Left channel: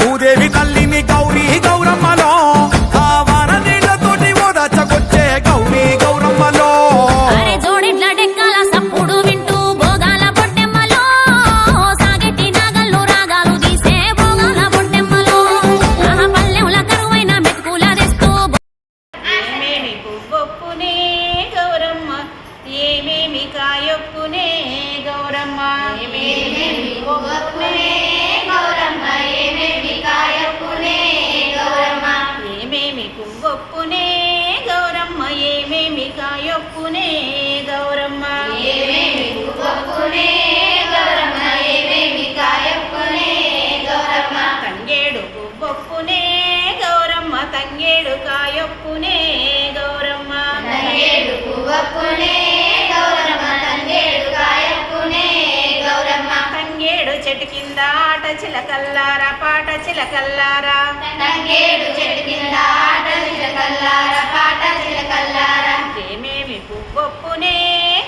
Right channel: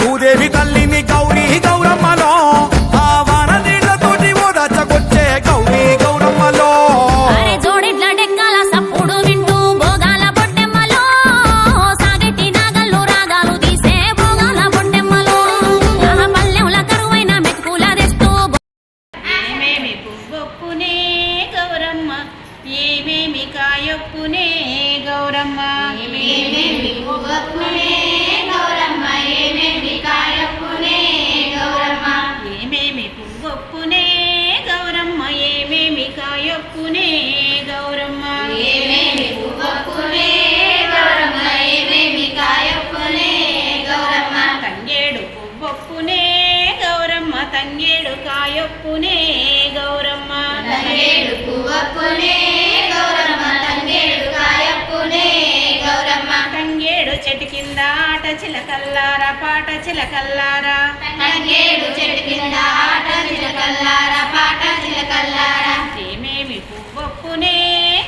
భూదేవి తల్లిని గౌరీ గౌరమ్మలో ఆ వాన నీళ్లతోటి ఓదాచకొచ్చే గౌరీ గౌరమ్మలో జోడిడ్ల డెక్కల సప్పుడు వింటూ భోగాల బొడ్డెమ్మలో సాగెట్టి నాగల్లు రాగాలు తీసే భోగాల బొడ్డెమ్మలో పల్లెంల కరువైన మెతుకుల తెస్తూ ఏమేమి పువ్వొప్పునే గౌరమ్మ ఏమేమి కాయొప్పునే గౌరమ్మ ఏమేమి పువ్వొప్పునే గౌరమ్మ ఏమేమి కాయొప్పునే గౌరమ్మ ఏమేమి పువ్వొప్పునే గౌరమ్మ ఏమేమి కాయొప్పునే గౌరమ్మ ఏమేమి పువ్వొప్పునే గౌరమ్మ ఏమేమి కాయొప్పునే గౌరమ్మ తంగేడు పువ్వొప్పునే గౌరమ్మ తంగేడు కాయొప్పునే గౌరమ్మ తంగేడు పువ్వొప్పునే గౌరమ్మ తంగేడు కాయొప్పునే గౌరమ్మ తంగేడు చెట్టు కింద ఆట చిలకల్లారా పాట చిలకల్లారా తంగేడు చెట్టు కింద ఆట చిలకల్లారా పాట చిలకల్లారా ఏమేమి పువ్వొప్పునే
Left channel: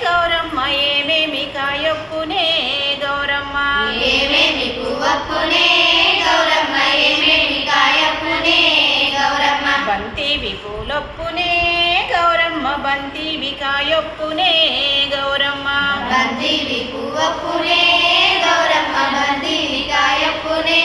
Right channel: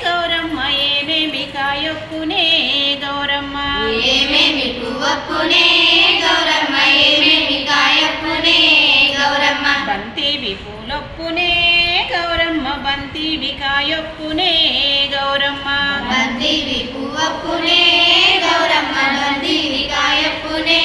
గౌరమ్మ ఏమేమి కాయొప్పునే గౌరమ్మ ఏమేమి పువ్వొప్పునే గౌరమ్మ ఏమేమి కాయొప్పునే గౌరమ్మ బంతివి పూలొప్పునే గౌరమ్మ బంతివి కాయొప్పునే గౌరమ్మ బంతివి పువ్వొప్పునే గౌరమ్మ బంతివి కాయొప్పునే